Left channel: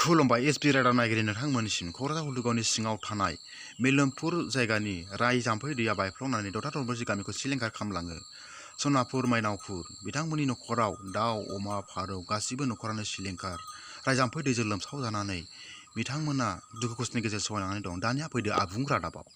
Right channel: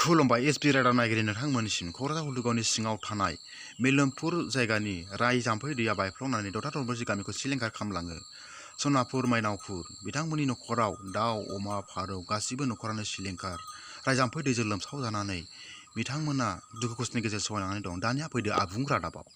खुलुमबाय एसपि रादाब नायगिरि नोंथांमोननिसिम क'क्राझार हलथुगावनि सिङाव थानाय मेलोमपुर जायगानि राय जाम्फै दैया बायफ्लंनानै दरथा दरब्रैसो गामिखौ सिलिंखार खालामलाङो। सनापुर मायनावपुर बिथांमोननि न'खराव दाउ अमा फारौ गासिबो न'खरानो सिलिंखार राय जाम्फै दैजों लोमसावजानानै बिथांमोना दुखु खस्थनि गेजेरजों सहायनानै दं। दानिया फैदो आबुं रादाबाव।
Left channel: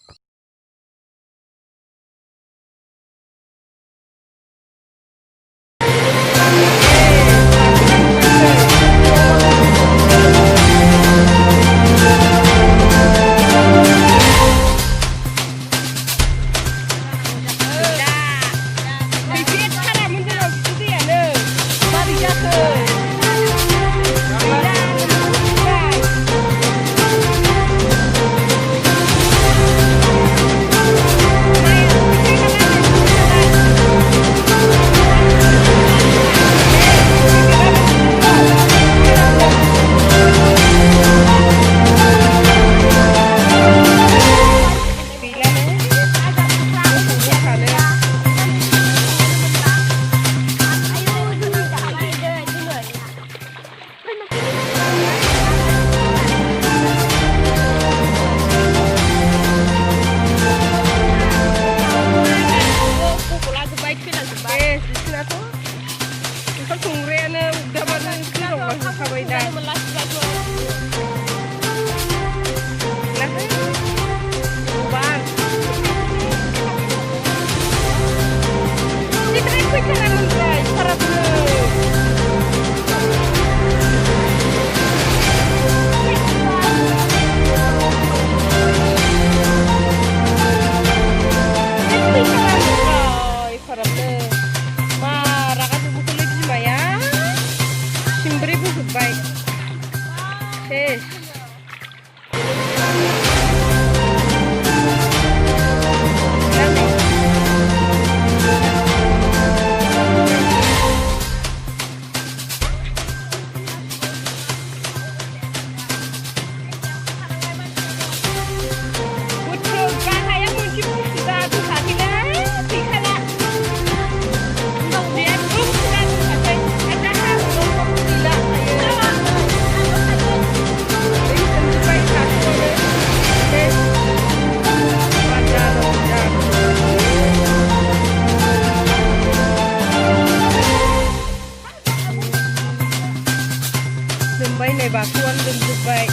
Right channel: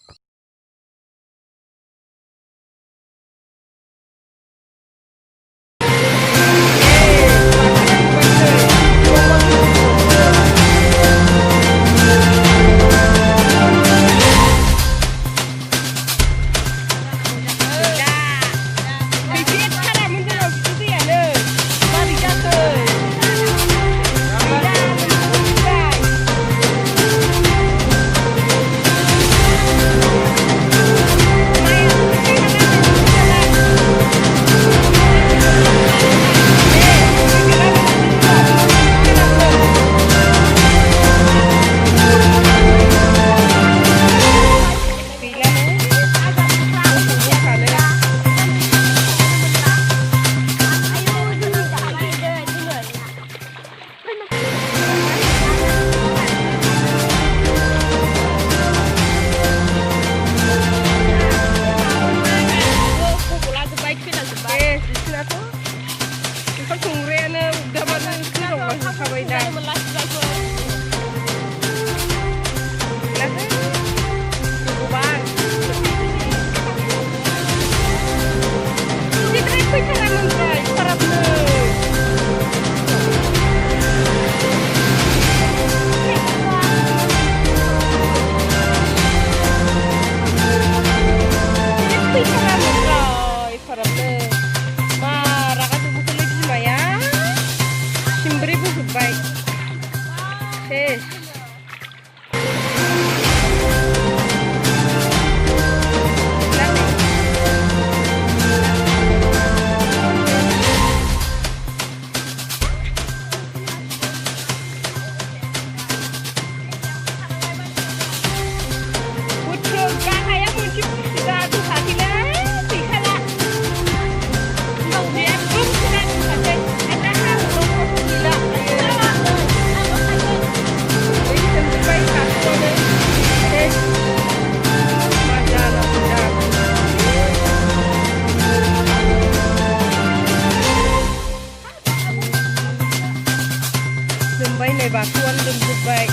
बाथौआनो लोमजोब्बाय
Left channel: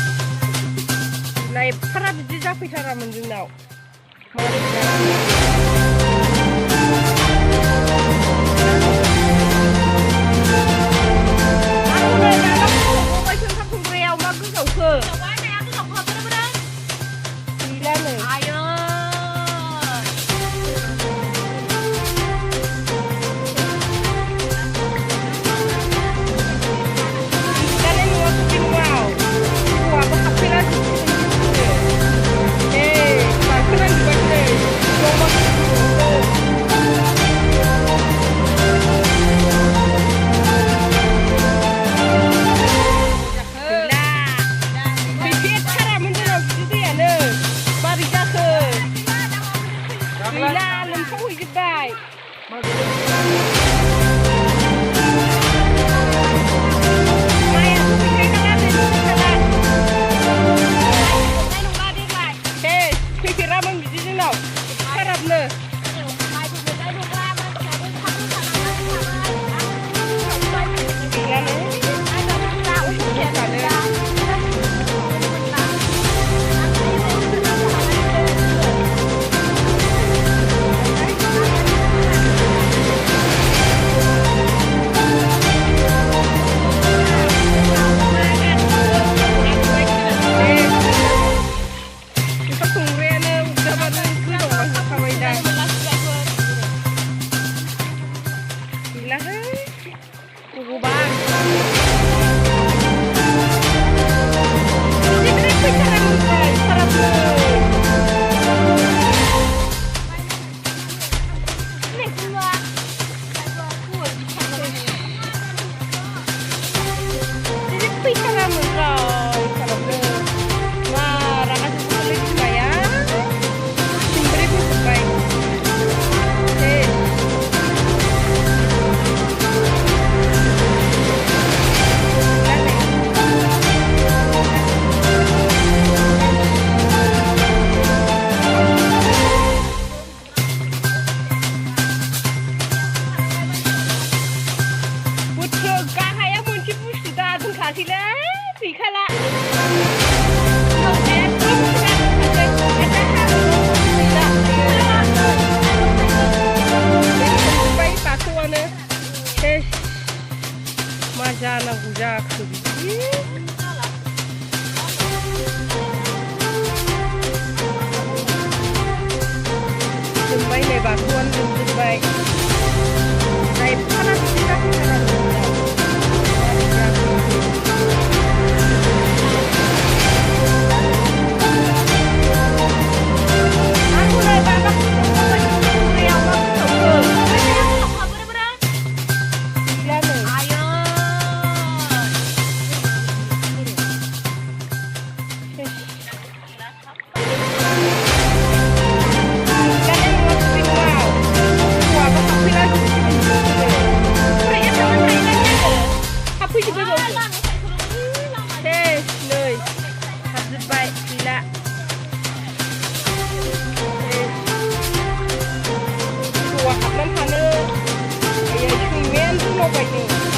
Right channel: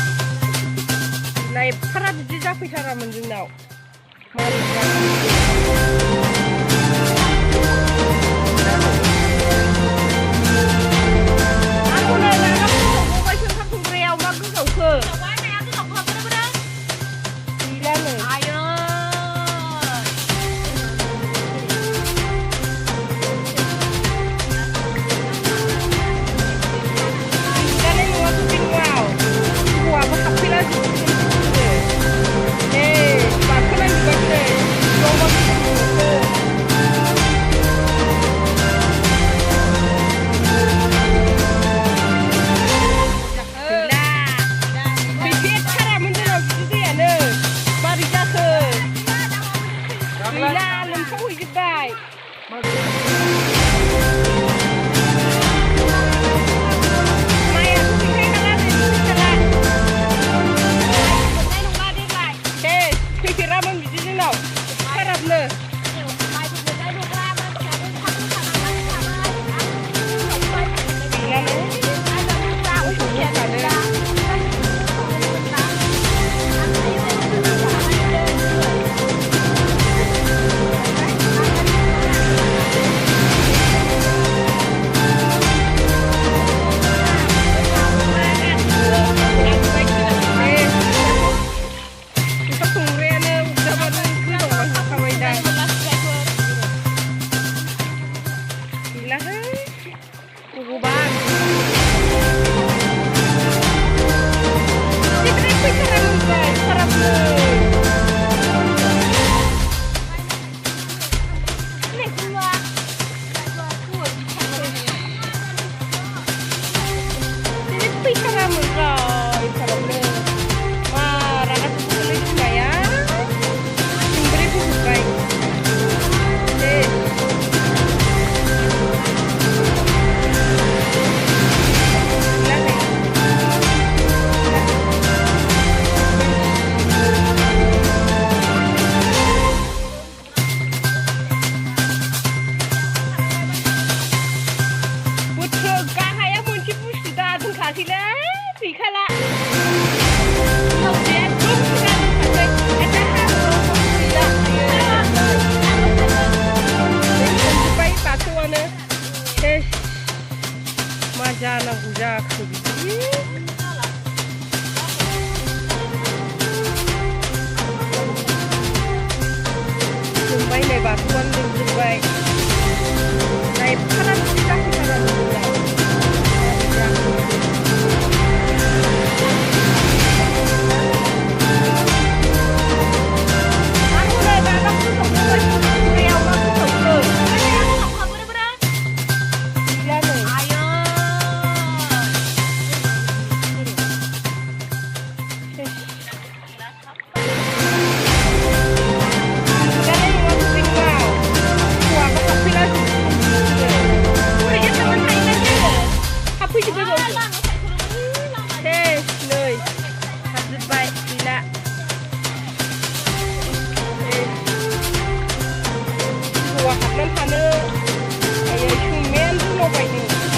एफाराब बिदि जाफैथारामोन जोंनाव मारै आरो नै नाना गोजावबायसो ओंखाम संग्रायाव मा गोजावखो गैला नै गैला गैखाला उनाव बे एकदम सिगां फारसे एदा हाब्रुआव गैला दै सोमजोब्बाय बाथौआनो सेस मा जानांगौ जाखो बिदि जोंबाय नै बाथौआनो लोमजोब्बाय दा एफाराब बिदि जाफैथाराबो जोंनाव मारै जाखो आरो हनै दाना फोसावबावबाय जों खुंग्रायाव मा फोसावखो गैला नै फैला जोबसिगोन बिसोरो फरायनो थांनो हायोना हाबफैजोब्बाय सेस नै हाबजोब्बाय गैला हौवा हाबनानै थानो आयै सैमायानो रुलावबाय नै